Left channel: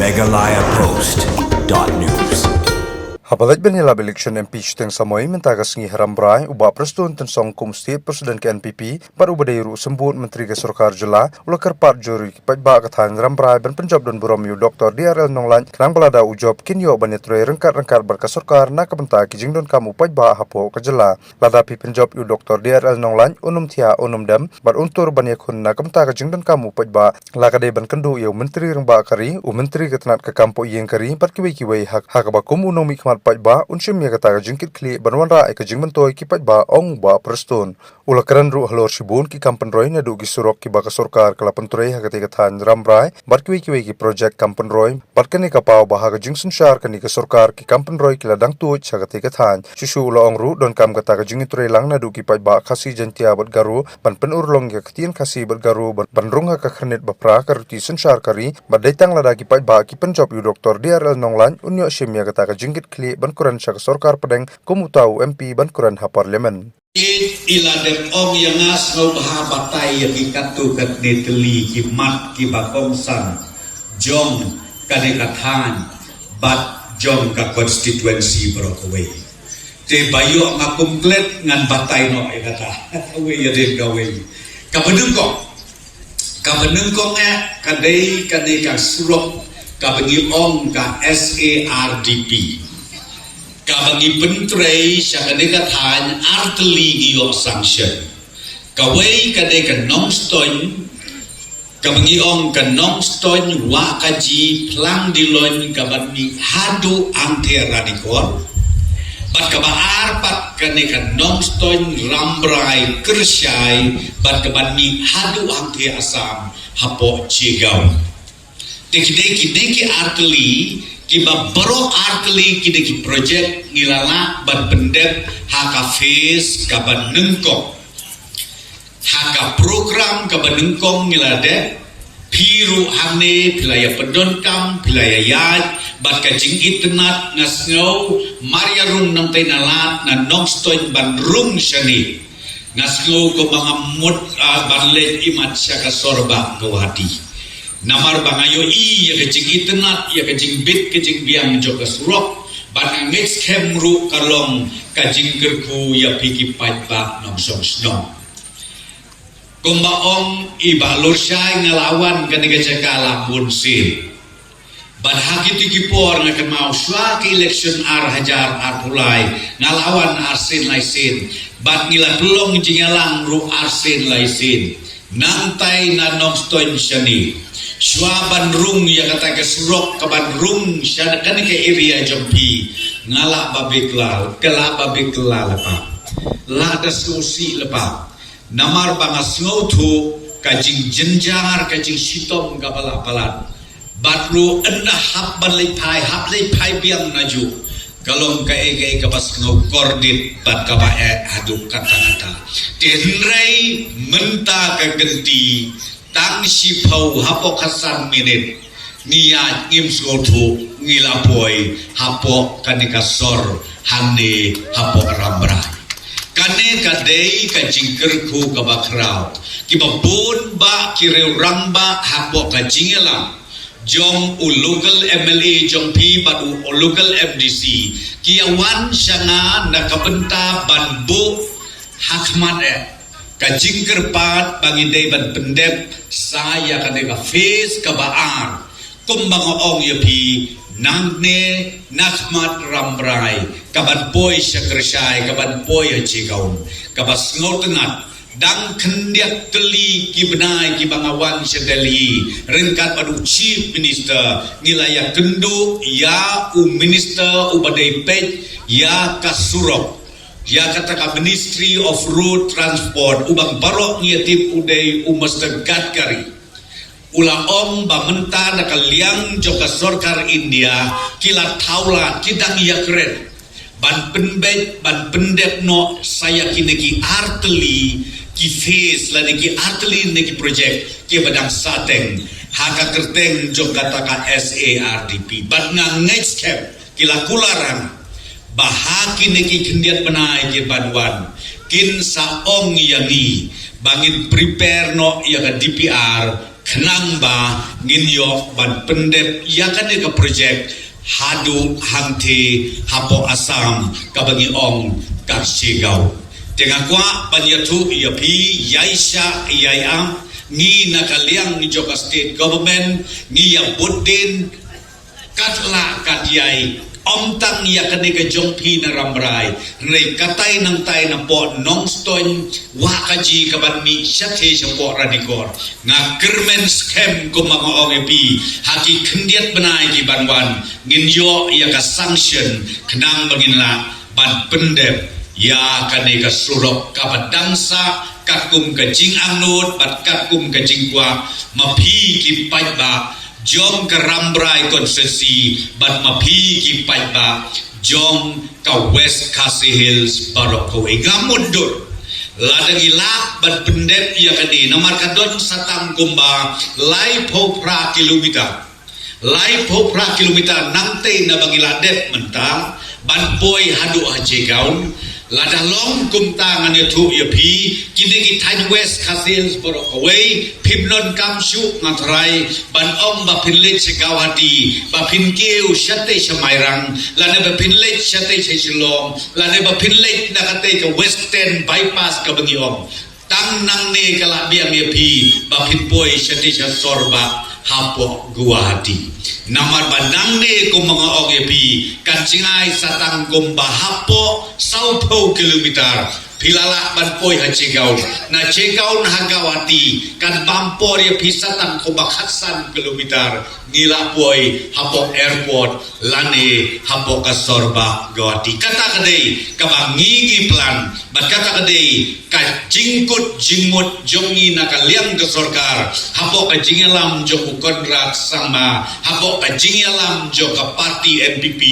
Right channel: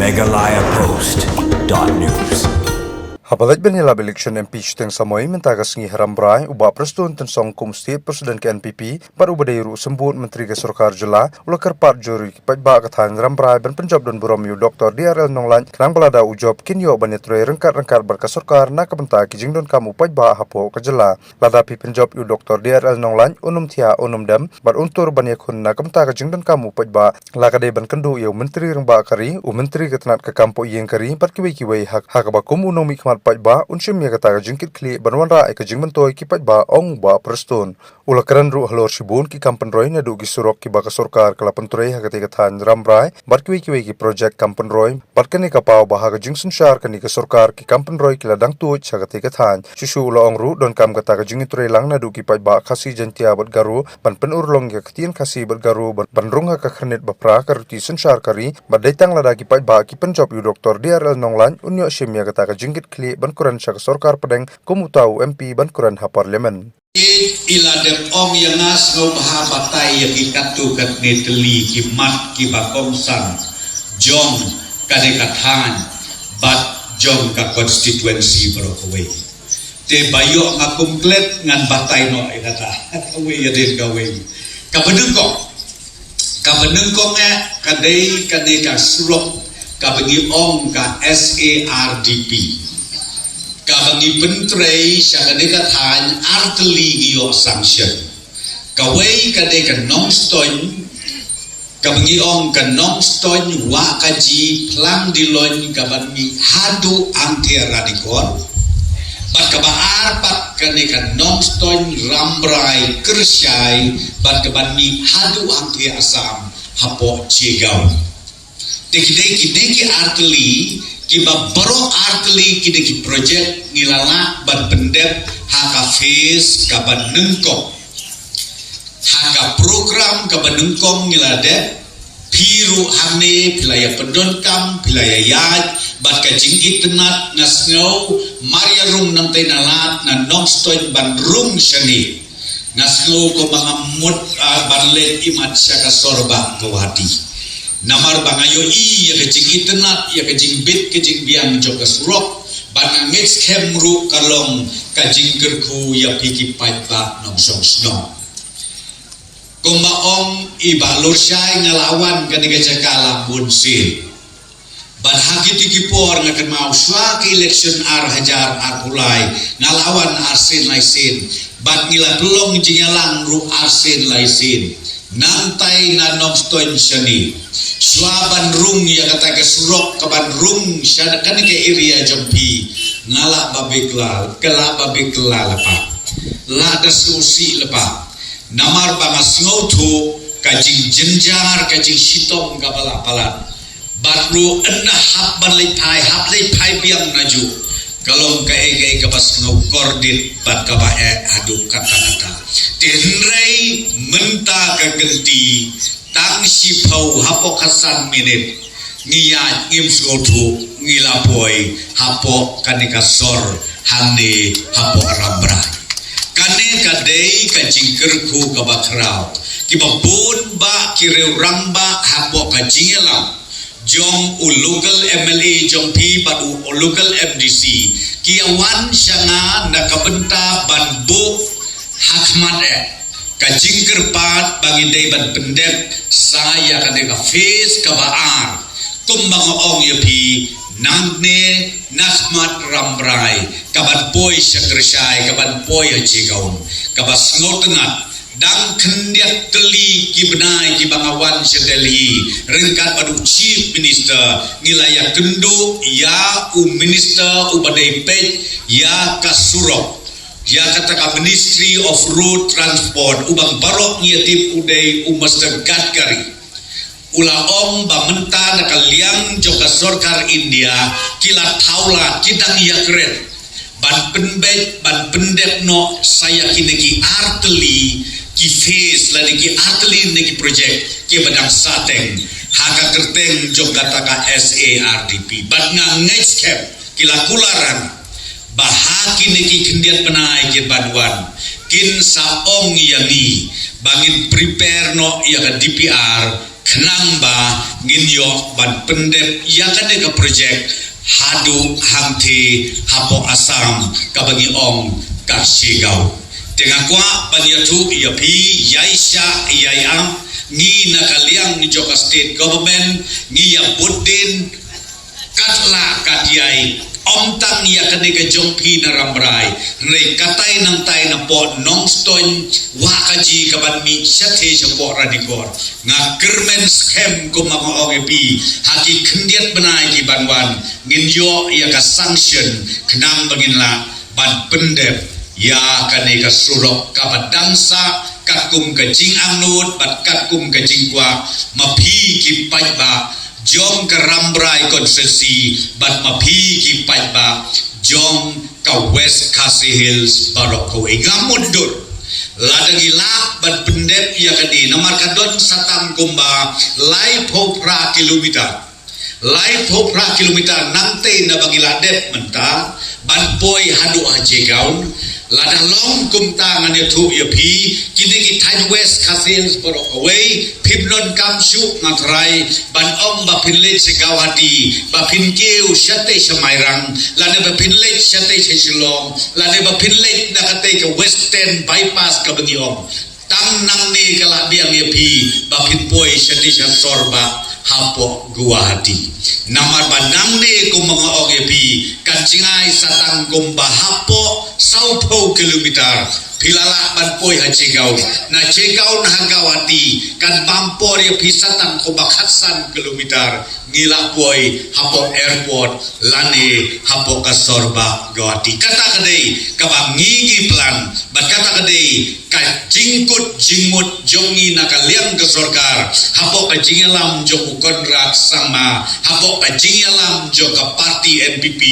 megalayapost.news. Habalat benila election MP Shuteng Samoy mentagas ngi harambrai uba prestun tensong kum state presiden ke NPP baru badairu sembut menteri ke Sarkar Jela ulakar part juri pajba kathan rambrai ban penjob dan buromiu Dr. DRL Nonglan kenang balada ujob kinyo banyetroi rengkat-rengkat berka Sarkar na kapenta kijing don kamu pajba hapo ke Jela lada pi penjob yu Dr. DRL Nonglan unum thia unum dam bar untur banyekun na kapenta kijing don kamu pajba lakade ban kendu yu menteri rengba kari u menteri ketenat ke kampo yeng kari bat kiwei hak bakum unumi pajba unshim ya kata jingkit kli banwanra ai ka jingmentoi ki pajba ong ba prestun ulakaran ru halor shibun ki kampan roy na du gi surok ki ba ka Sarkar kala pentrei ha kate kathan rambrai barkiwi ki project kampan roy barkani ka pau ba ha ka jingsun shar kani ka Sarkar ki kampan roy kila dang tu cha kate kathan shushu lo ong ru don kam kata ka jingitrei lang na du ki pajba khasi jantia bat garu ban penur long ya ketien khasi bat garu ban runga ka khnet bapra ka ruti sunshar kari badaitang lada ki pajba ki penjob yu Dr. DRL Nonglan unyo shim ya kata ka jingkit kli ban kuran syak Sarkar pedeng kumutau MP ban kuran ha parlimen iladem ong yangas ngau baha batai yang ikatu kat neteli ki mat ki bakongsan jong kadekathan bat jong ka konstituensi Brokaway te bayo ngakumplet ngan batai no kata awe ya den gawe kabenengkong kadai ka surok kabengi ong ka SARDP kabangi pentrei syakadekathan arteli giyo sanction kawai kadeka nongstoin kabangi ong ka nongstoin wa kaji plang dilon kabangi hadu ante radikor bat kabaar pat kadeka nongstoin rambrai kersyai bat kabangi hadu ante asam hapo cigau deki arteli kiba baro arteli kideki project ngilala ban pendep haka face kaban nengkong haka program kaban nengkong ngilade piru hane pilaya pendonkam pilaya yad bat kajing itnat ngasngau maria rum namtai nalat na nongstoin ban rum shani ngasngau ko mga mut banlet imat syaka sorba kawati namar bangayo ya kecing itnat ya kecing bit kecing biang joka surok banang mix kemru kalong kajing gerku ya piki pajba nongsong sno kumbaong iba lorsay ngalawan kaniga cakala bunsil ban hakiti kipor nga kemau swak election hajar pulai ngalawan arsin laisin ban ngila pelong jingalang ru arsin laisin nantai na nongstoin shani swaban rung ya kata ke surok kaban rung syada kan ke area jompi ngala babikla kela babikla lepa lada susi lepa namar bangas ngotu kajing jenjar kajing sitom gabala palan batru endah habban hap lepai biang naju kalong kae kabas ngokordit bat kabae aduk kata tenrei menta kegenti tang sipau hapo kasan minit niat ngim suotu ngilapoi hapo kanika sor hande hapo rambra kane kadei kajingkerku kabakrau kibabun ba kireu ramba hapo kajingelang jong local MLA jong pi badu local MDC kiawan syana nakabenta banbu hakmat kajing kerpat bagi deban pendek saya kadeka face kabaar kumbang ong yapi nangne nasmat rambrai kaban boy sekresai kaban boy cigaun kabas ngotenat dang kendiak teli kibnai kibangawan sedeli rengkat padu chief minister ngilaya kendu ya minister ubadai pet ya kasurok ya kata Ministry of Road Transport ubang barok ngiatip uday Mr. Gadkari ulaong bamenta nakaliang joka Sarkar India kila taula kidang yakret ban pendep no saya kinegi arteli ki face la ki arteli neki project ki badang sateng haka kerteng joka taka SARDP ban next cap kila kularang bahaki neki kendiat penai ke baduan kin saong yani bangin prepare no ya DPR kenang ba nginyo ban pendep ia kan ke projek hadu hangti hapo asam kabagi ong kak sigau tengah kwa banyatu ia pi yaisha iam ngi nakaliang ni Joka State Government ngi ya budin katla katyai omtang ya kanega jongpi na rambrai rei katai nang tai na po nongston wakaji kaban mi syate po radikor nga kermen scam ko mga ogepi haki kendiat benai ki banwan nginyo ya ka sanction kenang banginla ban pendep ya kanega surok kabadangsa kakum kajing anut bat kakum kajing kwa mapi ki pajba jom ke rambrai konsesi bat mapi ki pajba jom ka West Khasi Hills barok ko ingamudut ladagi lak bat pendep ya kadi namar kadon satang kumba lai popra kilometer nangte na bagi ladep menta ban poi hadu haje gaun lada long kumta ngane tu ya pi kini kita West Khasi Hills borok away pibnon kamshu ngatrai ban om ba pinlet segawadi ba pinkeu syate semairang lada ba pinlet syate silong lada ba pinlet nakate ke western bypass ka bengiong tang nang ne kala biang ya pi ba pinpoi syate sorba hapo Guwahati namar bandang ne ko mga ogepi kancingai satang kumba hapo 10 kilometer pilala ban poi ha Cigaun na Cigaun Hagawati kan pampor ya pisatan ko bakhasan kilometer ngila poi hapo airport lani hapo ka Sorba Guwahati kata kadai kabang ngingi plan bat kata kadai ka jingkut jingmut jongi nakaliang ke sorkar hapo ka jingelam jong kontrak sama hapo ka jingelam jong ka parti NPP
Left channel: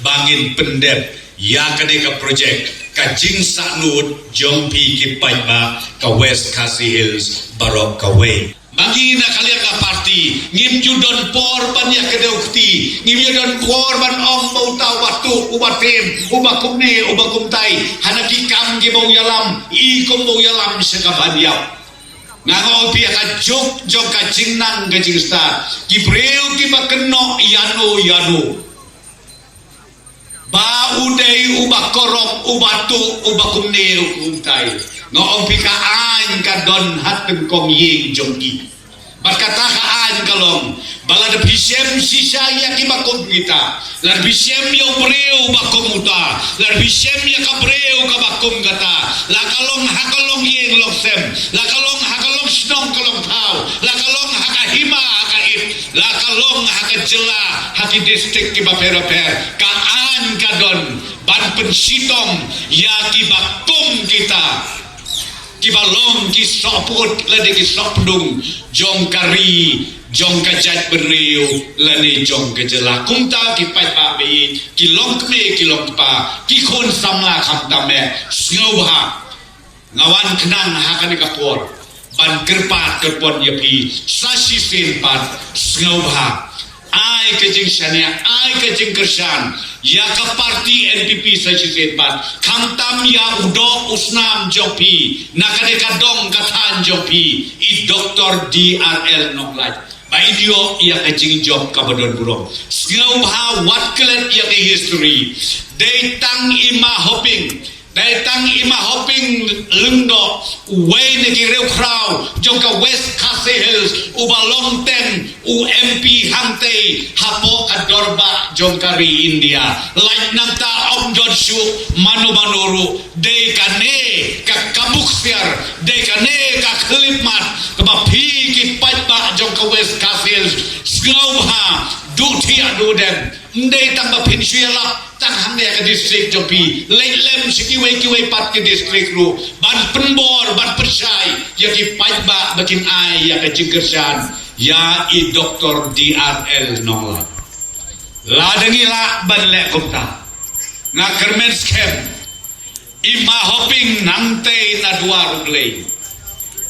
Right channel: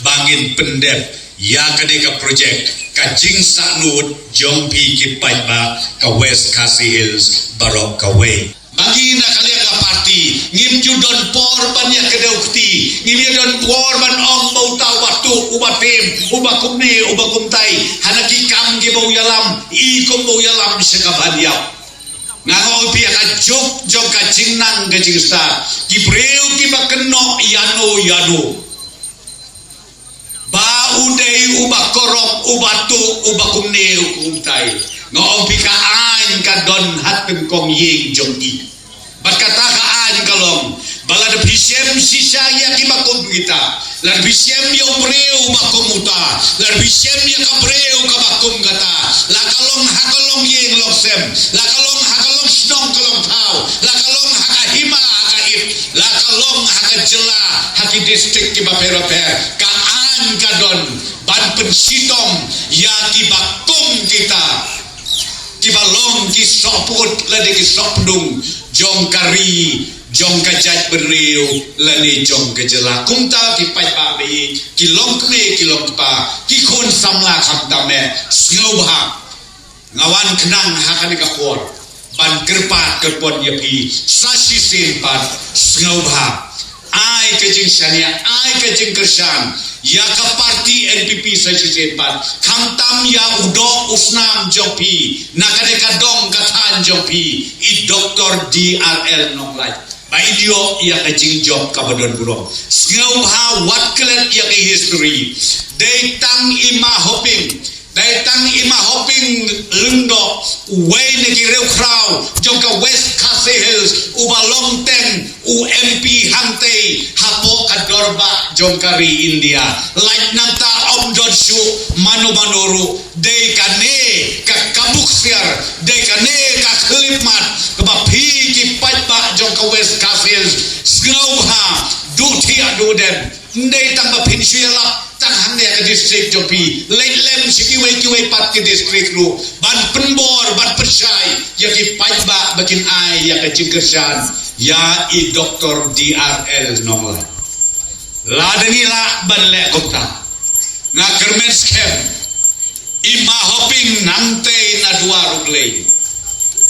bangin pendep ya kadai ka projek kajing saknut jompi ki paiba ka West Khasi Hills barok ka way bagi na kalian ka parti ngim judon por banyak kedaukti ngim judon por ban ong mau tahu waktu ubatim ubakumne ubakumtai hanaki kam ge bau yalam i kom bau yalam sekabadiap nango pia ka jok ka jingnang ge jingsta ki breu ki bakeno yano ba udai ubakorok ubatu ubakumne ukumtai ngong pika an ka don hatem kong ying jongki bakata ka an kalong balad bisem sisa ya ki bakum kita lar bisem yo breu bakum uta lar bisem ya ka breu ka bakum kata la kalong hakalong ying loksem la kalong hakalong snong kalong tau la kalong hakahima hakait la kalong hakajela haki distrik ki baperoper ka kadon ban pensitong ya kibakum kita kibalong kisoput lade kisopdung jong kari jong kajat beriu lane jong kejela kumta kipai pa be kilong pa kikon samla khamtame snobha ngawan kenang hakane kapor ban kerpat kerpon yapi sasi sempat snobha ai kejing syania ai kejing kersan ya ka parti NPP saji sempat kamtam ya udok usnam jompi nakade kadong katan jompi i Dr. DRL noklai bai dio ya kejing job kabadon burong ngau ha wat klet ya ke history they tang ima hopping lungdo way negi rew kraw joka West Khasi Hills uba long ten MP hante hapo kadorba jongkari India like nanta omdod shu manu de kane ka kabuksiar de kane ka klipmat ba phi ki patba joka West Khasi Hills snowha dutia dudem ndai tang ba pinsiala tang hamne ka district jopi lem kiwai pat ke district ru ban penbor ban persai ya ki patba bakin ai ya ka jingkersan ya i Dr. DRL nongla la denila ban le kota na kermen scam ima hoping nante na dua ruglei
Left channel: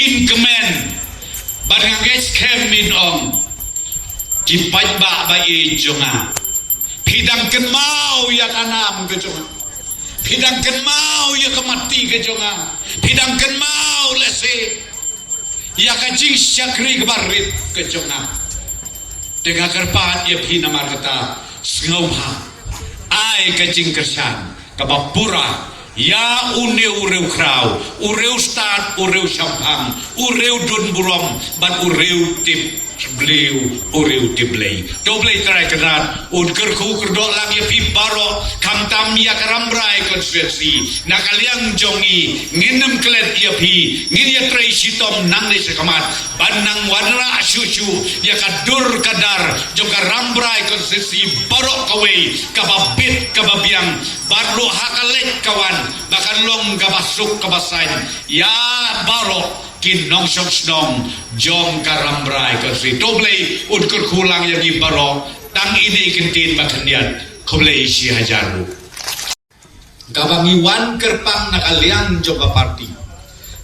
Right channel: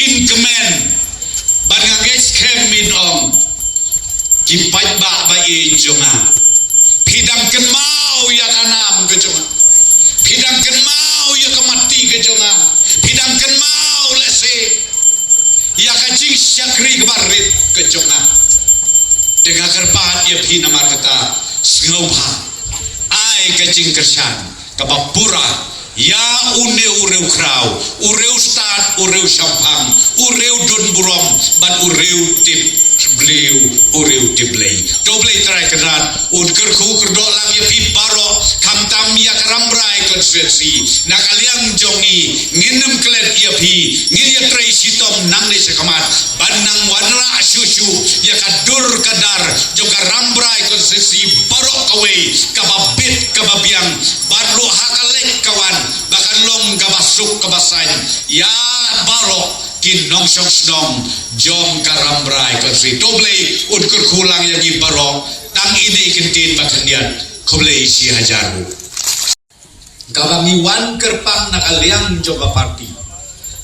in kemen ban ngage scam min om ki patba ba e jonga hidang kenmau ya kanam ke jonga hidang kenmau ya kemati ke jonga hidang kenmau lese ya kajing syakri kebarit ke jonga Tengah kerpat ia pi namar kata Sngauban ai kajing kersan kabapura ya une ureu krau ureu stat ureu sampang ureu dun burom ban ureu tip beliau ureu tiblei doblei trai kenat un kerku kerdo lam ya pi baro kam tam ya karambrai konstitusi nakaliang jongi nginem klet ya pi ngir ya trai sitom nang ne sekamat banang warna susu ya kadur kadar juga rambrai konstitusi baro kawe kababit kababiang baru hakalek kawan bahkan long kabasuk kabasain ya baro kinong song jom karambrai kasi doblei ukur kulang yang ibaro tang ini kintin makandian koblei si hajaru kabangiwan kerpang nakaliang joga parti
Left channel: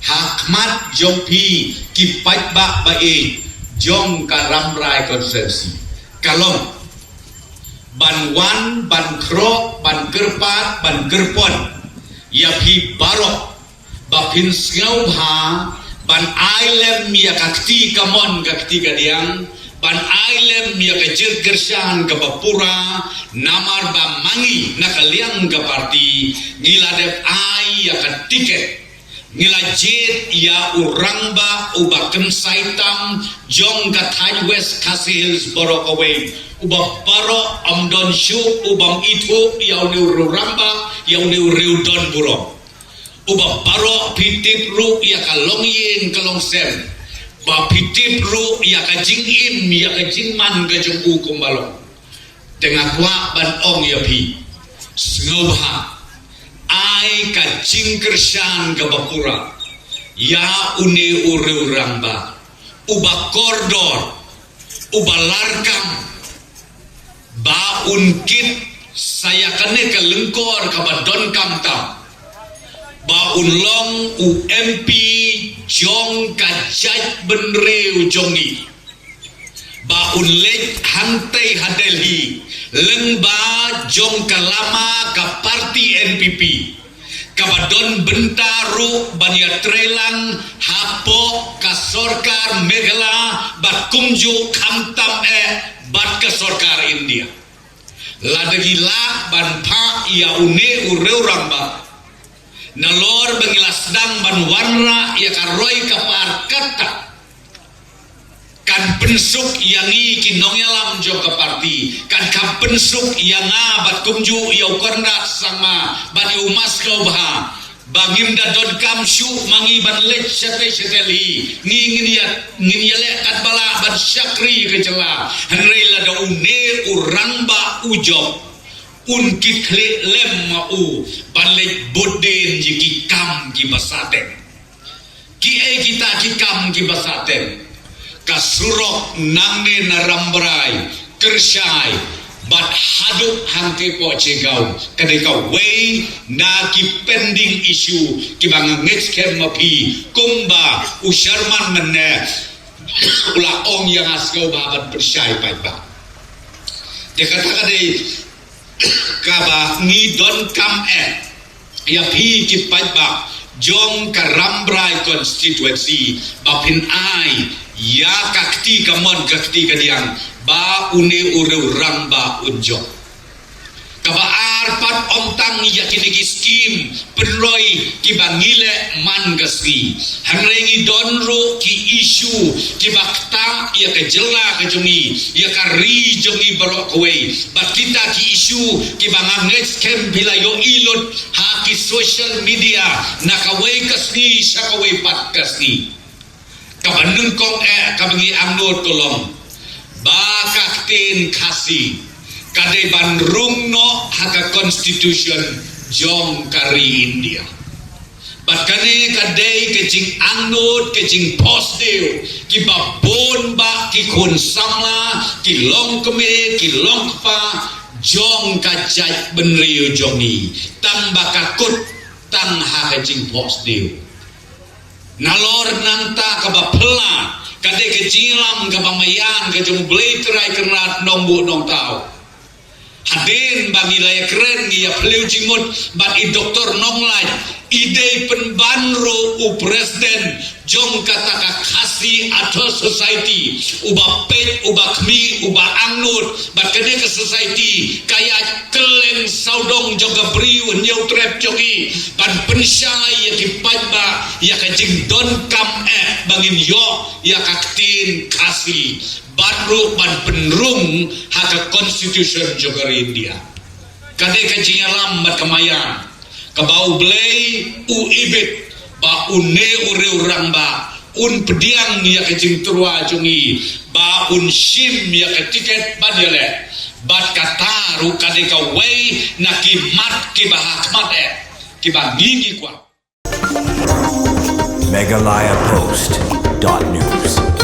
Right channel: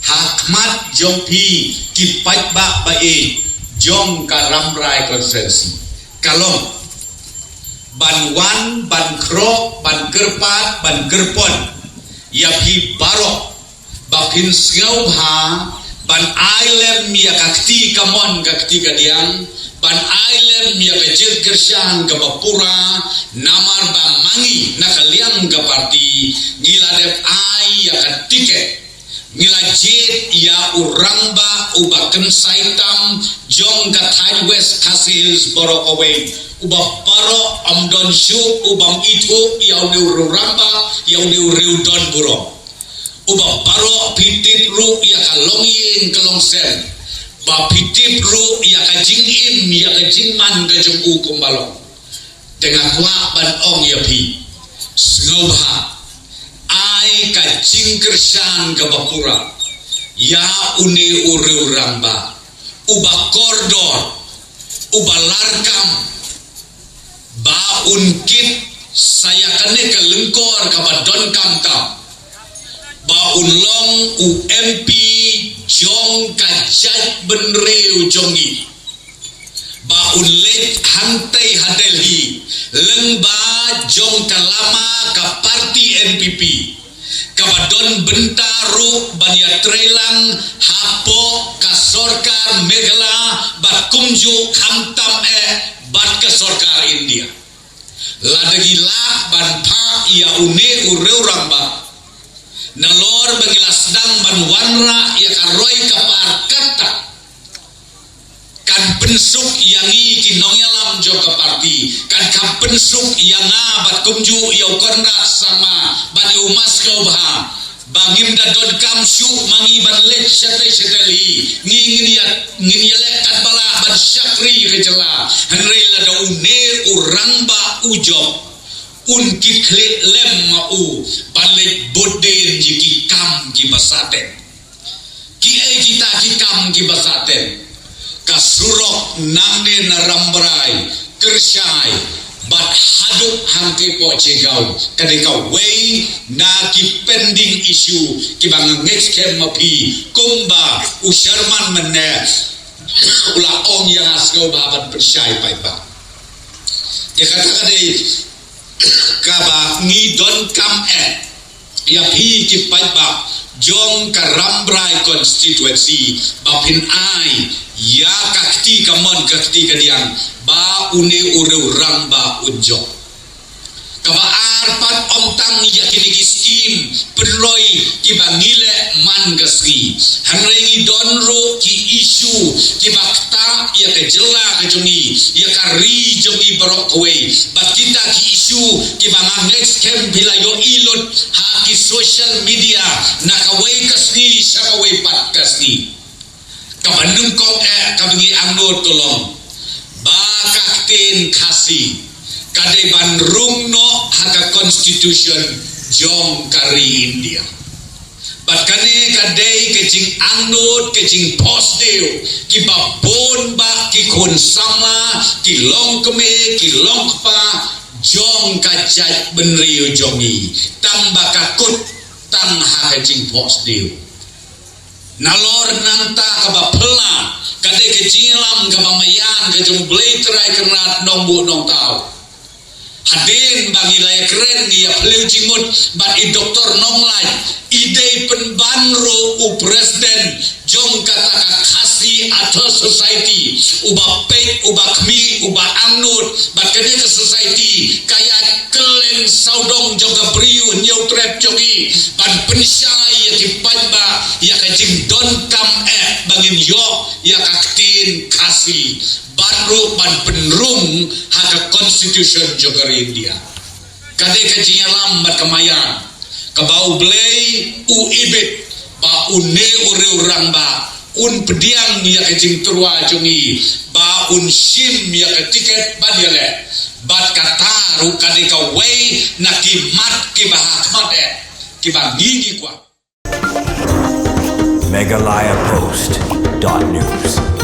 hakmat jompi kipat bak bae jom karambrai konsensi kalong banwan ban krok ban kerpat ban gerpon yapi barok bapin sngau bha ban island mia kakti kamon kakti kadiang ban island mia kajet kersyang kabapura namar ba mangi nakaliang ka parti niladep ai ya katiket ngila jet ya urang ba ubakem saitam jong ka Thai West Hills borok away uba baro amdon shu ubam itu ya ururamba ya urudon burong uba baro pitip ru ya kalongyin kalongsen ba pitip ru ya kajingin ya kajingman kajung kumbalong tengah kwa ban ong ya pi snobha ai kajing kersan kabapura ya une ururamba uba kordor uba larkam ba unkit saya kene ke lengkor kabadon kamtam ba unlong UMP jong kajat benreu jongi ba unlek hantai hadelhi lengba jong kalama ka parti NPP kabadon bentaru bania trelang hapo ka sorkar megala bat kumju kamtam bat ka sorkar India ladagi la ban pa ia une ureu ramba nalor bengilas dang ban wanra ia karoi kapar kata kan pensuk yang kinong yalam joka parti kan pensuk yang bat kumju ia ukarna sama ban umas kau bah bangim da dot kamshu mangi ban lech seteli ngin le kat bala ban syakri kecela henrei la da une uramba ujob unkit lem mau balik boden jiki kam ki basaten ki kita ki kam ki basaten kasurok nangne narambrai kersyai bat haduk hanti pocegau kadekau wei na ki pending issue ki bang next kem mapi kumba usharman menne ula ong yang asgau babat persyai paipa dia katakan dei kaba ngidon kam ya hi ki paipa jong karambrai konstituensi bapin ai ya kakti kamon kakti kadiang ba une ureu ramba unjo kaba arpat omtang ya kinigi skim penroi ki bangile man gasri hanrengi donro ki isu ki bakta ya kejela kejungi ya kari jongi barok kowe bat kita ki isu ki banganget kem bila yo ilot ha ki social media nakawai kasni sakawai pat kasni kabandung kong kabangi angot tolong bakaktin kasih kade bandrung no haka constitution jong kari India bakane kade kecing anut kecing posdeo ki babon ba ki konsama ki long keme ki long pa jong kacai benriu jongi tambah kakut tang haka kecing posdeo nalor nanta kabapela kade kecilam kabamayang kecung blei terai kerat nombu nong tau hadin bagi laya keren ya peleu jimut bagi doktor nonglai ide penbanru u presiden jong kata kasih atau society uba pek uba kmi uba kene ke society kaya kelen saudong joga briu nyau trap jogi ban pensyai ya kipan ba ya kajing don kam bangin yo ya kaktin kasih baru ban penrung haka constitution joga India kade kajing lambat kemayan kebau belai u ibit ba une ure urang ba un pediang ya kajing turwa jongi ba un sim ya tiket badele bat kataru kade ka wei na kimat ki bahakmat ki bangingi kwa Meghalaya Post.news